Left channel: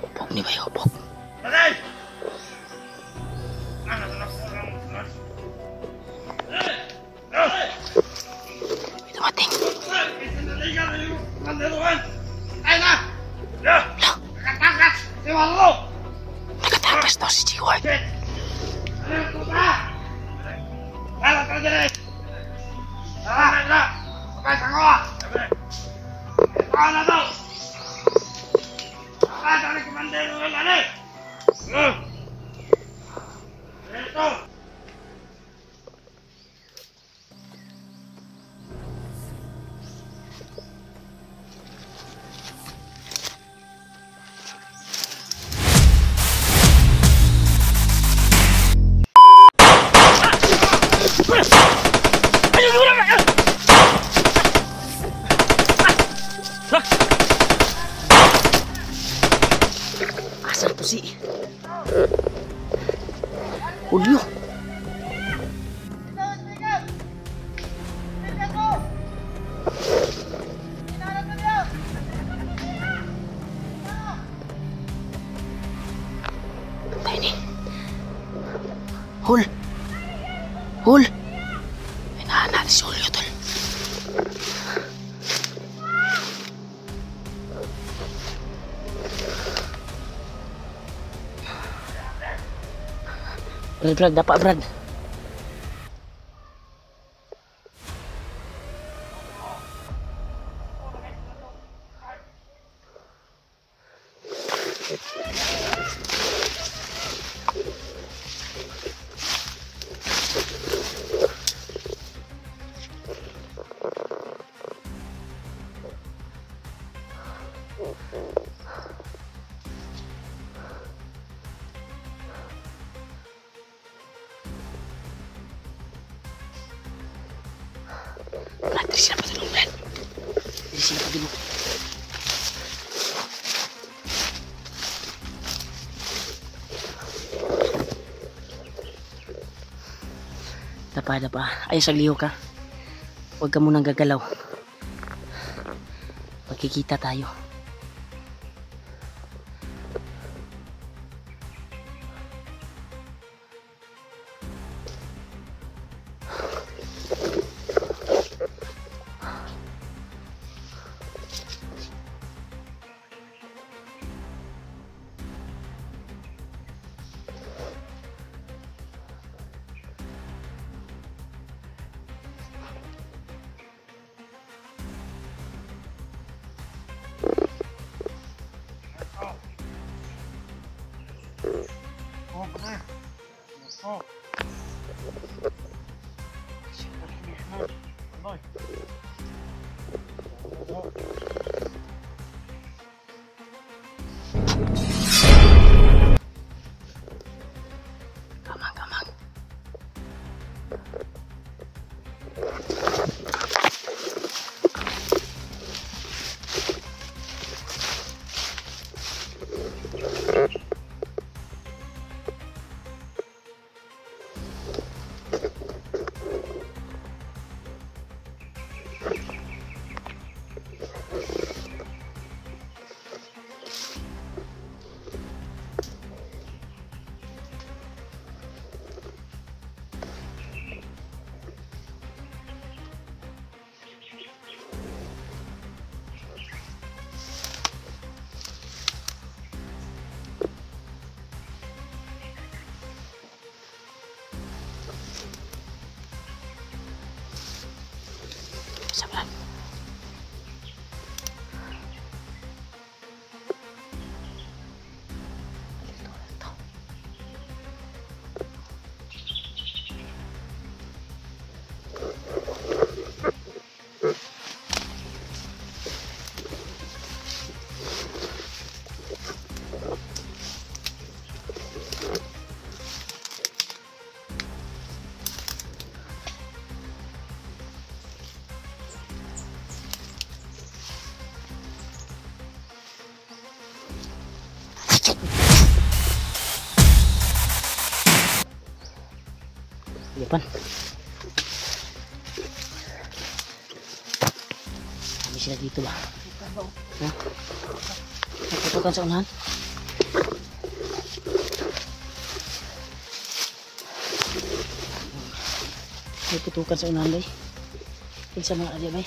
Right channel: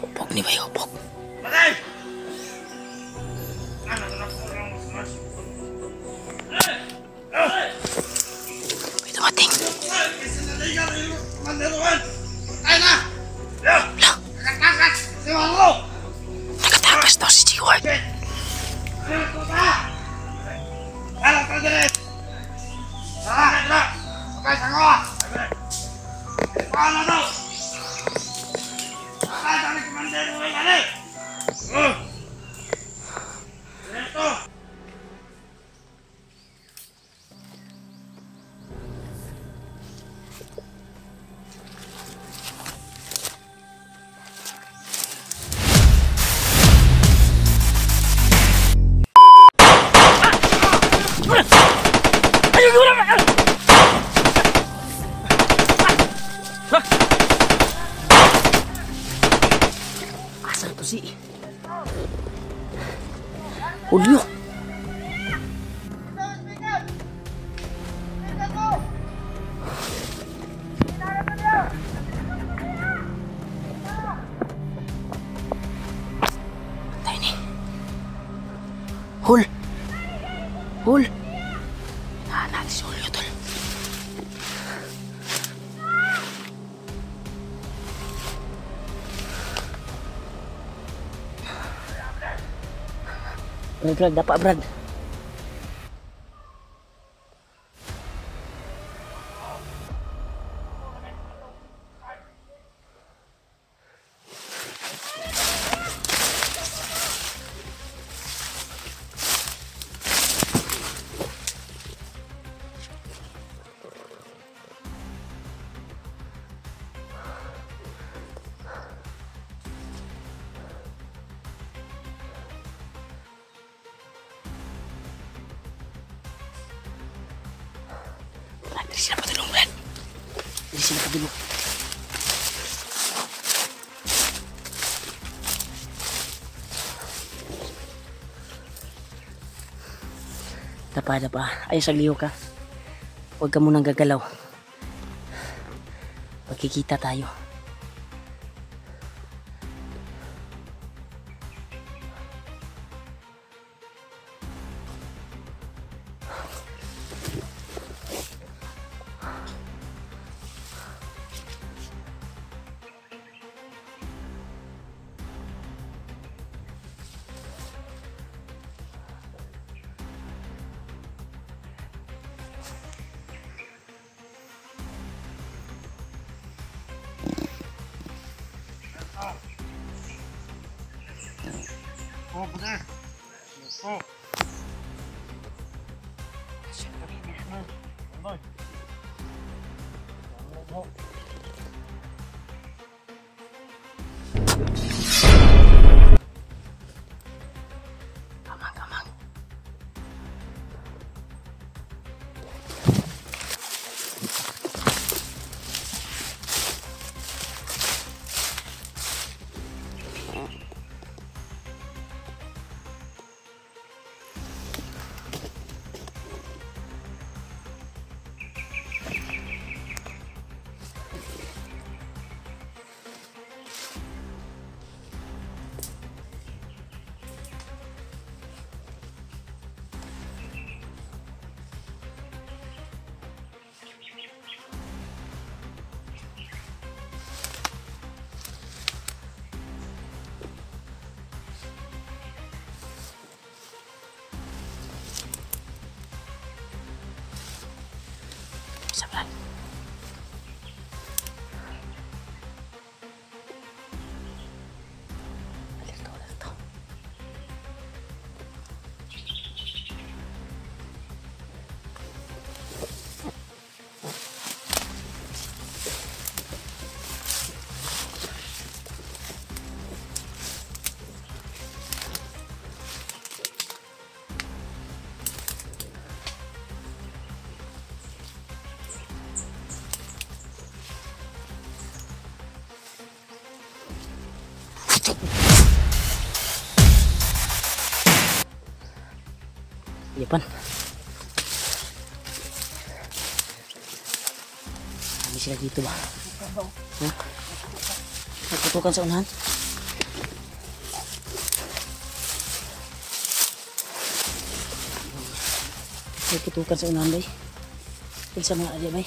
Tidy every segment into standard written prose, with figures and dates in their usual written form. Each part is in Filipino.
Upok ni ba yung upok? May dumating. Nakatakas daw si Stewart. Asal to si Julio. Tayo ni Hul. May nahanap si Julio tol. Brad, dapat Brad. Di sini apa dulu, Brad? Di sini apa dulu? Dapa. Ayos sa liyo ka. Huwag ka munang gagalaw. Magkikita tayo. Kamang. Sabaran. Dito. Depan. Kami sila dito ba? Ha? Nagputukan sa unahan? May putukan sa unahan bay. Pinsa mga adya bay.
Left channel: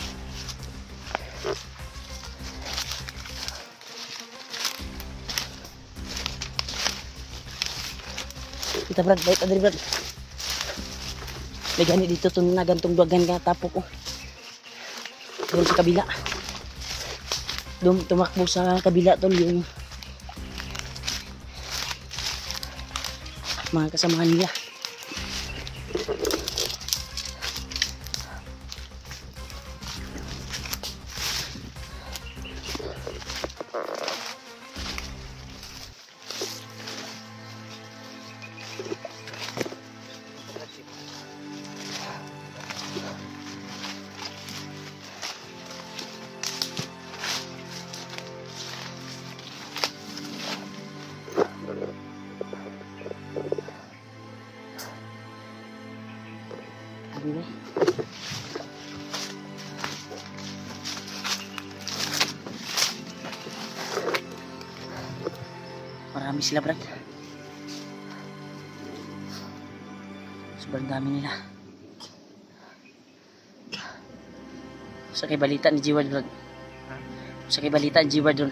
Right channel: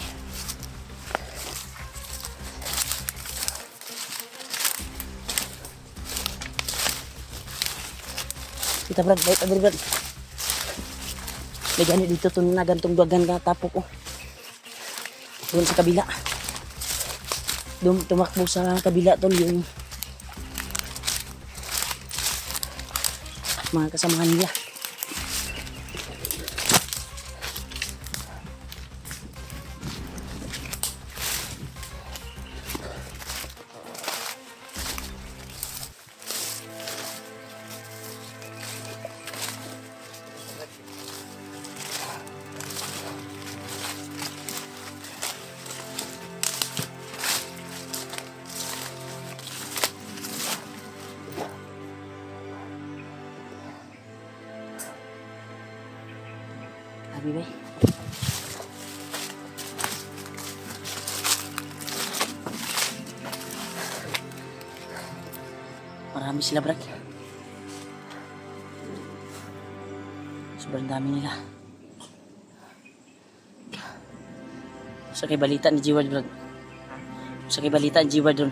Kita Brad, bait adri Brad. May ganit dito to na gantong duwagan ka tapok oh. Doon sa kabila. Doon tumakbo sa kabila tol yung mga kasamahan nila. Sabi ba? Marami sila Brad. Sobrang dami nila. Sa kay balita ni Jiward Brad. Sa kay balita ni Jiward doon.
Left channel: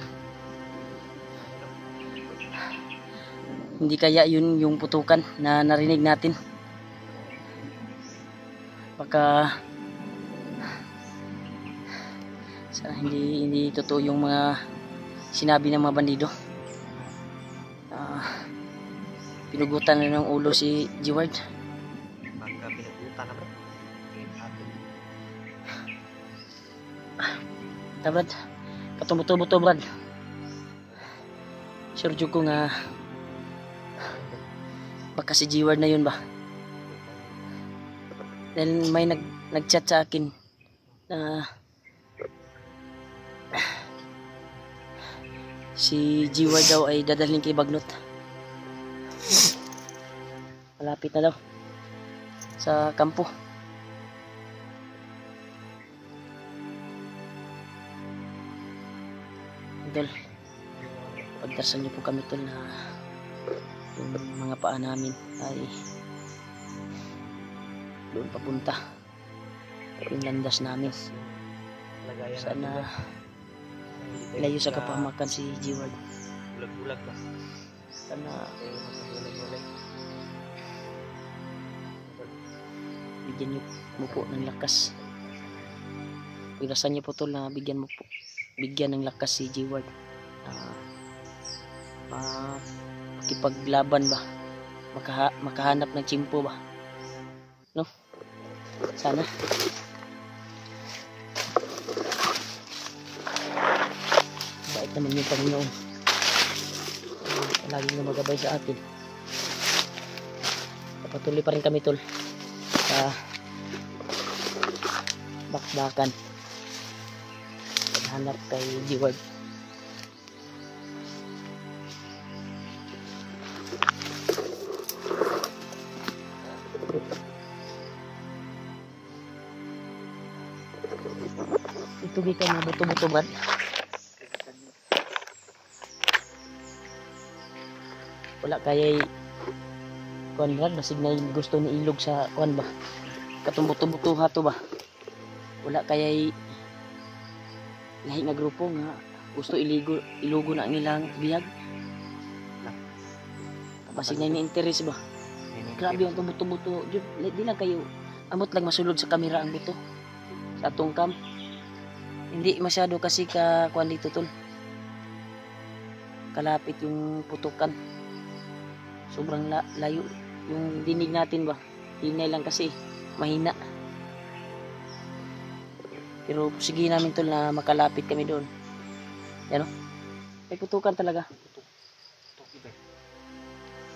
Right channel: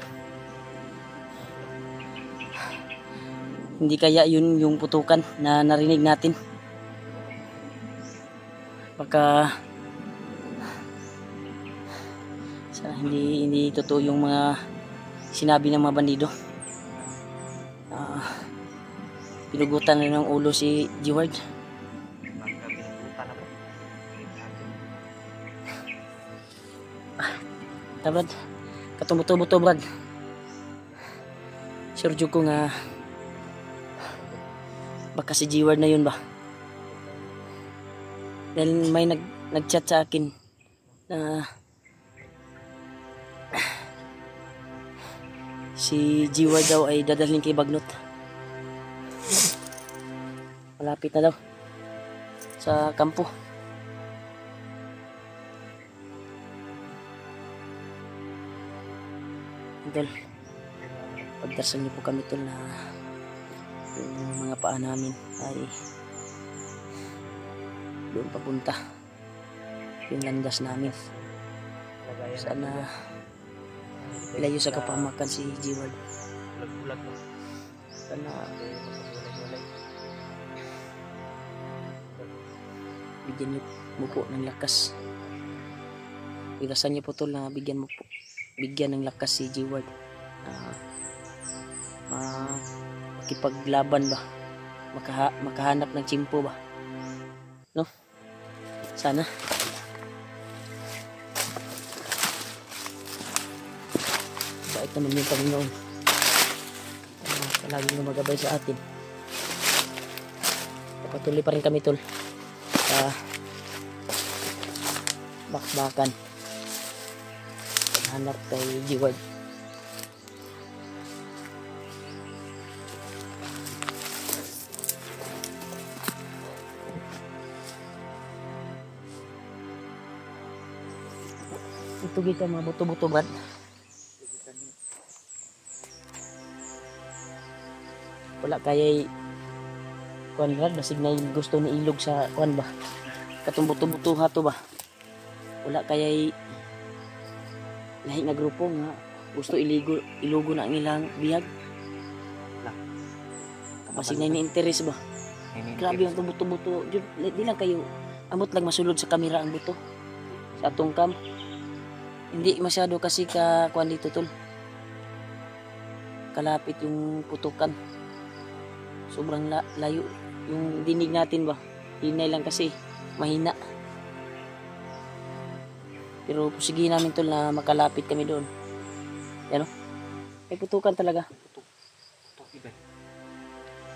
Hindi kaya yun yung putukan na narinig natin. Baka sana hindi totoo yung mga sinabi ng mga bandido. Pinugutan na ng ulo si Jiward. Brad, katumuto-buto Brad. Sergio ko nga baka si Jiward na yun ba? Dahil may nag-chat sa akin na si Jiward daw ay dadalhin kay Bagnot. Malapit na daw sa kampo. Idol, pagdarsan niyo po kami tol na yung mga paa namin ay doon papunta yung landas namin. Sana layo sa kapamakan si Jiward. Sana bigyan niyo mo po ng lakas. Pirasan niyo po tol na bigyan ng lakas si Jiward. Makipaglaban ba? Makahanap ng tsimpo ba? No? Sana. Bait naman yung Panginoon. Palaging gumagabay sa atin. Patuloy pa rin kami tol sa bakbakan. Hanap kay Jiward. Ito kita mga buto-buto Brad. Wala kaya'y kuan Brad, basig na gusto ni ilog sa kuan ba? Katong buto-buto hato ba? Wala kaya'y lahi nga grupo nga gusto ilugo na ang ilang bihag. Basig na ini-interest ba? Grabe ang buto-buto. Di lang kayo amot lang masulod sa kamera ang buto sa atong cam. Hindi masyado kasi ka kuan dito tol. Kalapit yung putukan. Sobrang layo yung dinig natin ba. Hinay lang kasi mahina. Pero sige namin tol na makalapit kami doon. Yan o. May putukan talaga.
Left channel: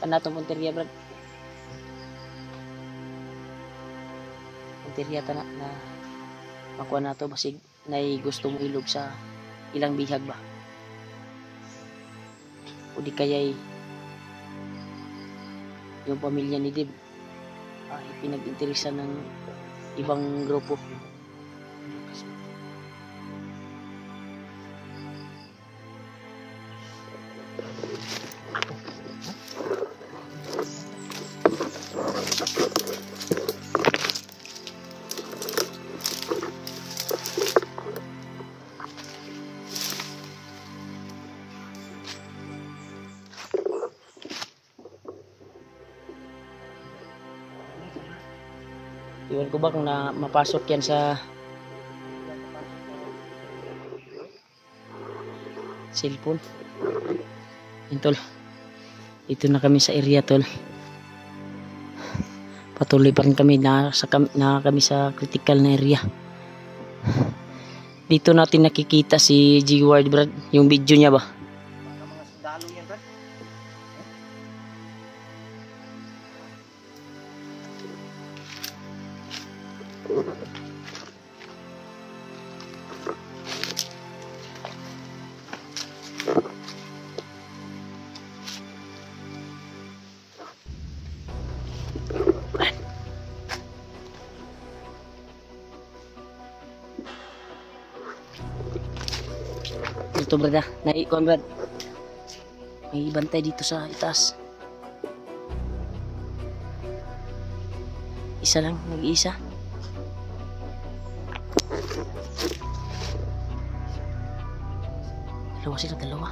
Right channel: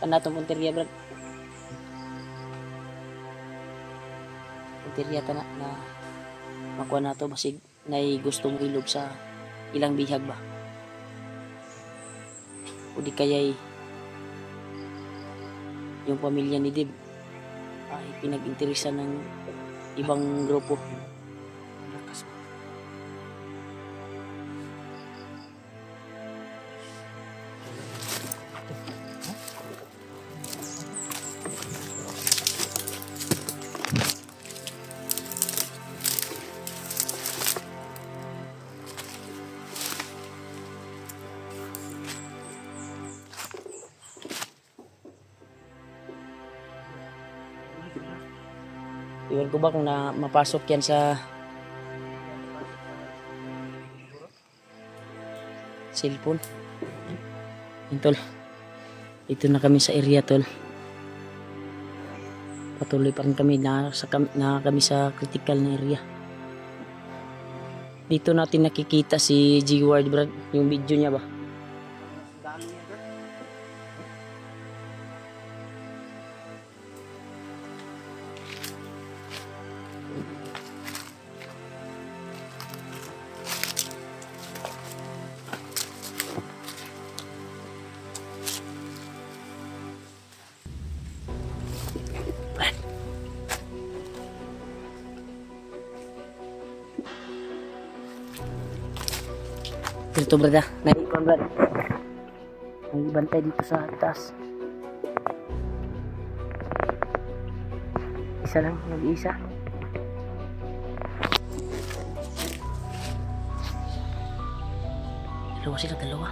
Kanatong punteriya Brad. Punteriya ta na makuha na to basig na gusto mo ilog sa ilang bihag ba. O di kaya'y yung pamilya ni Dib ay pinag-interesan ng ibang grupo. Iwan ko ba kung na mapasok yan sa cellphone. Yan tol. Dito na kami sa area tol. Patuloy pa rin kami na kami sa critical na area. Dito natin nakikita si G-Ward Brad, yung video niya ba? Dito brad ah, naiikon brad. May bantay dito sa itaas. Isa lang, nag-iisa. Dalawa sila, dalawa.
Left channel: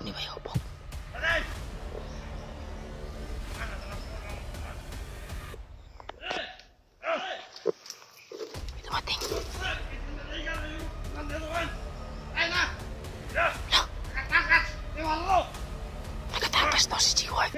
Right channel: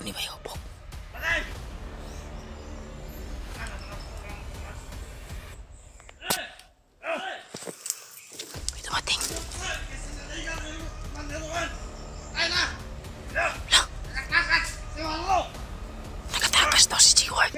Ni ba yung pok? May dumating. Nakatakas daw si G-Ward.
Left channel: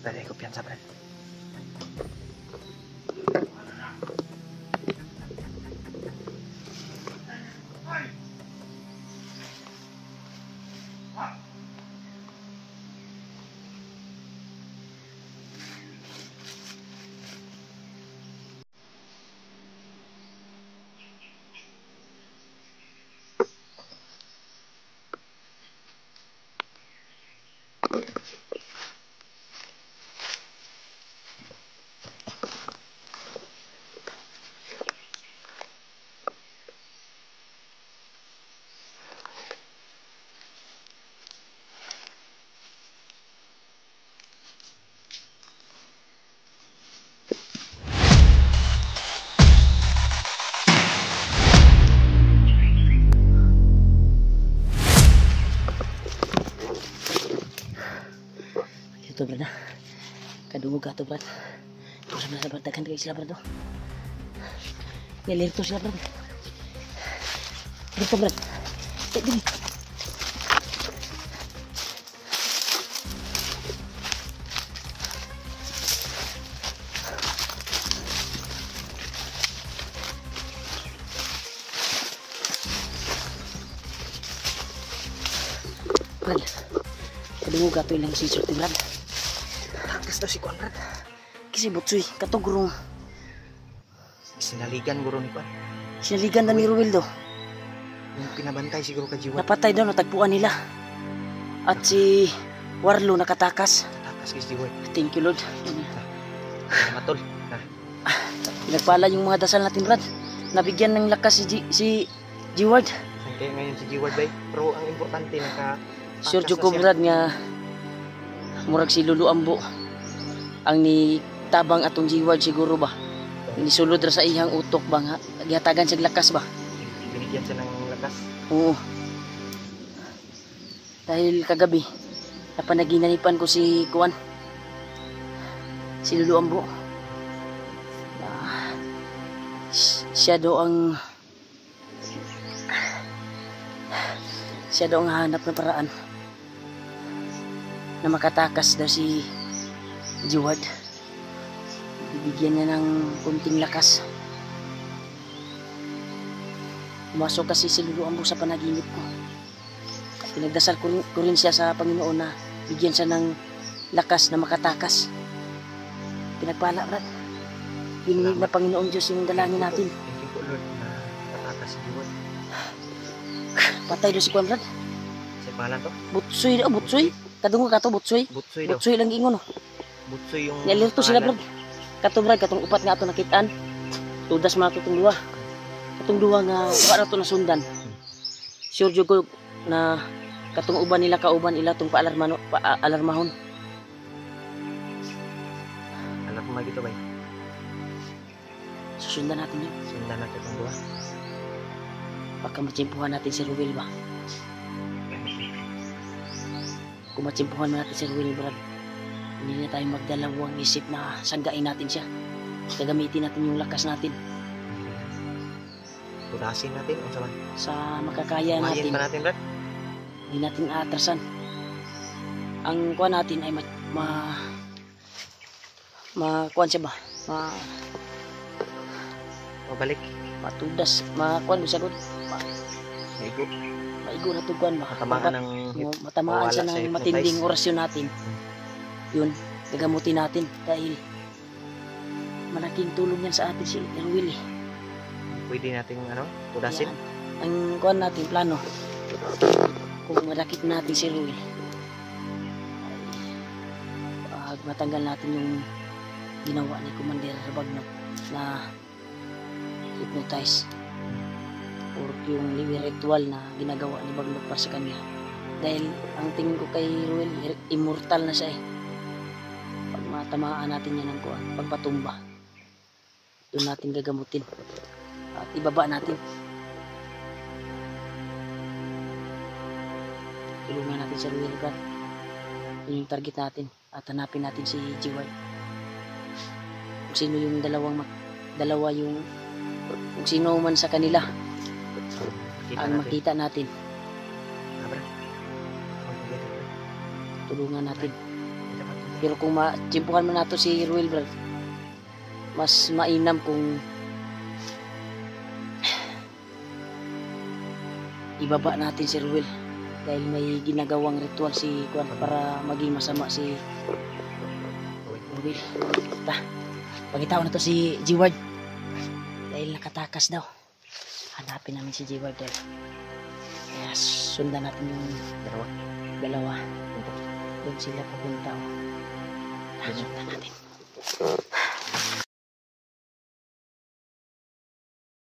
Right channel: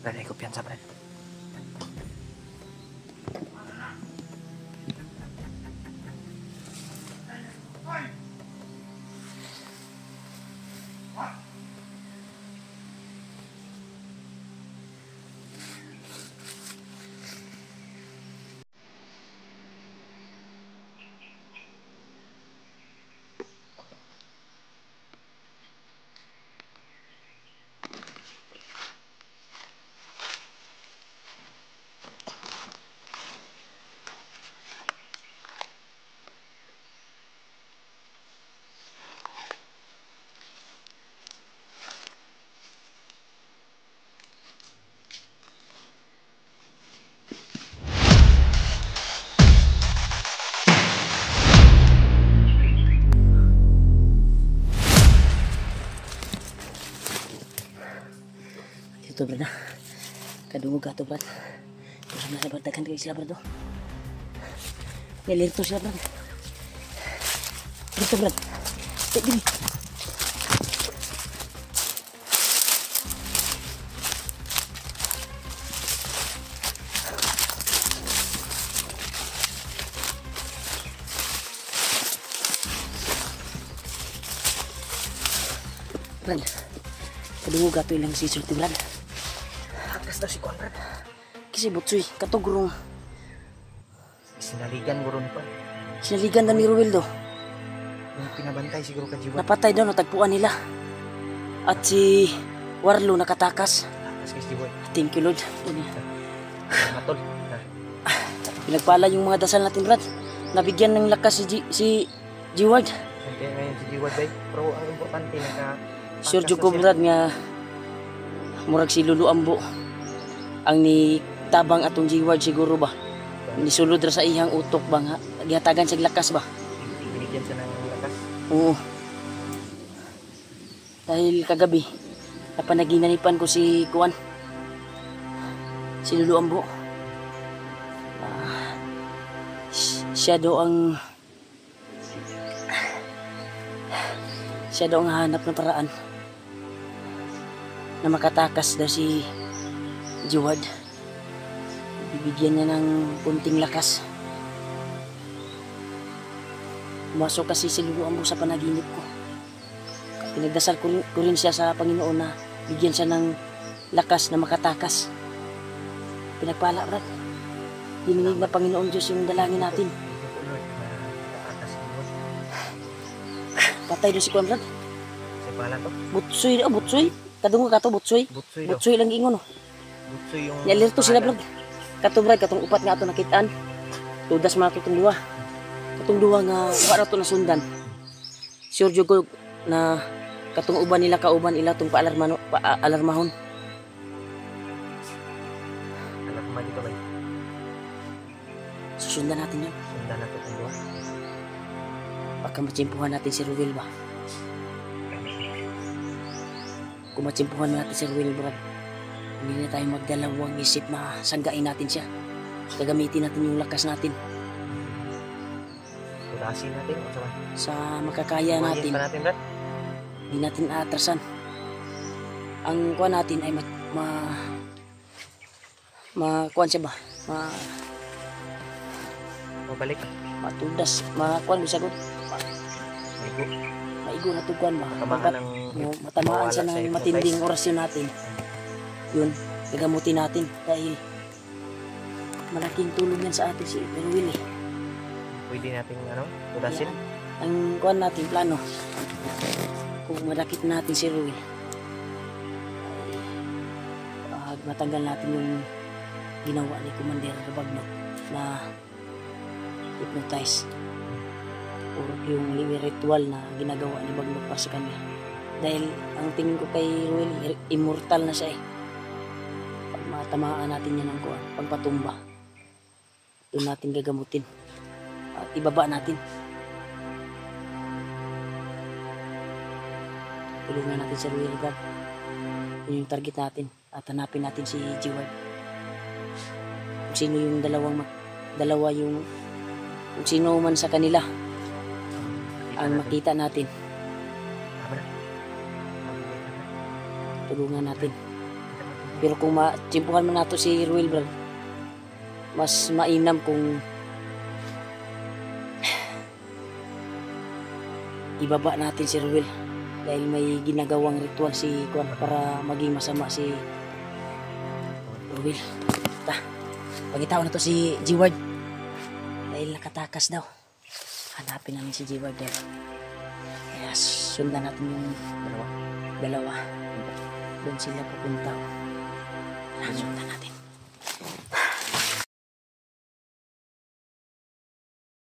Brad, hay confianza, Brad. Ito brad ah. Kadungog ka to brad. Tulang na brad, daghan kayo sila brad oh. Nilirto sila brad. Dito brad. Dito. Brad. Kadungog ato ilang si Sir Brad. Takas daw si Conrad. Kasi butsoy, katugurong Sinaligan guro ni Kon. sinaligan na ni Ruel do. Yung pinabantay siguro ka Jiwad. Napatay daw, natagpuan nila. At si Warlo nakatakas. Takas kay Jiwad. Thank you Lord. Salamat tol. Pinagpala yung mga dasal natin Brad. Nabigyan ng lakas si Jiward. Kaya ngayon si Jiwad day. Pero ang importante naka Sure jud ko Brad nga murag si Lulu Ambo ang ni tabang atong Jiward siguro ba. Nisulod ra sa iyang utok ba nga gihatagan sig lakas ba. binigyan siya ng lakas. Oo. Dahil kagabi napanaginanipan ko si Kuan. Si Lulu Ambo. Siya daw ang hanap ng paraan na makatakas daw si Jiward. Bibigyan niya ng kunting lakas. Pumasok kasi si Lulu Ambo sa panaginip ko. Pinagdasal ko rin siya sa Panginoon na bigyan siya ng lakas na makatakas. Pinagpala Brad. Dininig na Panginoon Diyos yung dalangin natin. Thank you po Lord na nakatakas si Jiwad. Patay daw si Kuan Brad. Sa pangalan to? Butsoy daw, butsoy. Kadungog ka to, butsoy. Butsoy daw. Butsoy lang ingon. Butsoy yung... Nialirto sila Brad. Kato Brad, katong upat nga ato nakitaan. Tudas man ato itong duwa. Katong duwa nga wala to nasundan. Sure jud ko na katong uban nila kauban ila tong paalarmahon. Alam mo ba dito ba? Susundan natin yun. Sundan na ito kung buwan. Baka matsimpuhan natin si Ruel ba? Kung matsimpuhan natin si Ruel Brad, hindi na tayo magdalawang isip na sanggain natin siya. Gagamitin natin yung lakas natin. Tulasin natin kung saan. Sa makakaya natin, pa natin Brad. hindi natin aatrasan. Ang kuha natin ay kuha siya ba? Balik. Matudas, kuha siya gud. Ligo. Maigo na to kuha ba? Matamaan siya ng mawala sa matinding hypnotize. orasyon natin. Yun, gagamutin natin dahil malaking tulong yan sa atin si Ruel eh. Pwede natin tulasin. Yan. Ang kuha natin, plano. Kung madakit natin si Ruel, ay matanggal natin yung ginawa ni Commander Bagnot na hypnotize or yung ritual na ginagawa ni Bagnot para sa kanya. Dahil ang tingin ko kay Ruel, immortal na siya eh. Pag matamaan natin yan ng kuha, pagpatumba, doon natin gagamutin at ibaba natin. Tulungan natin si Ruel Brad. Yun yung target natin at hanapin natin si Jiward. Kung sino yung kung sino man sa kanila ang makita natin, tulungan natin. Pero kung matsimpuhan man nato si Ruel Brad, mas mainam kung ibaba natin si Ruel dahil may ginagawang ritual si Kuan para maging masama si Ruel. Pagitaw na to si Jiward dahil nakatakas daw. Hanapin namin si Jiward dahil kaya sundan natin yung dalawa. Doon sila pupunta. Sundan natin.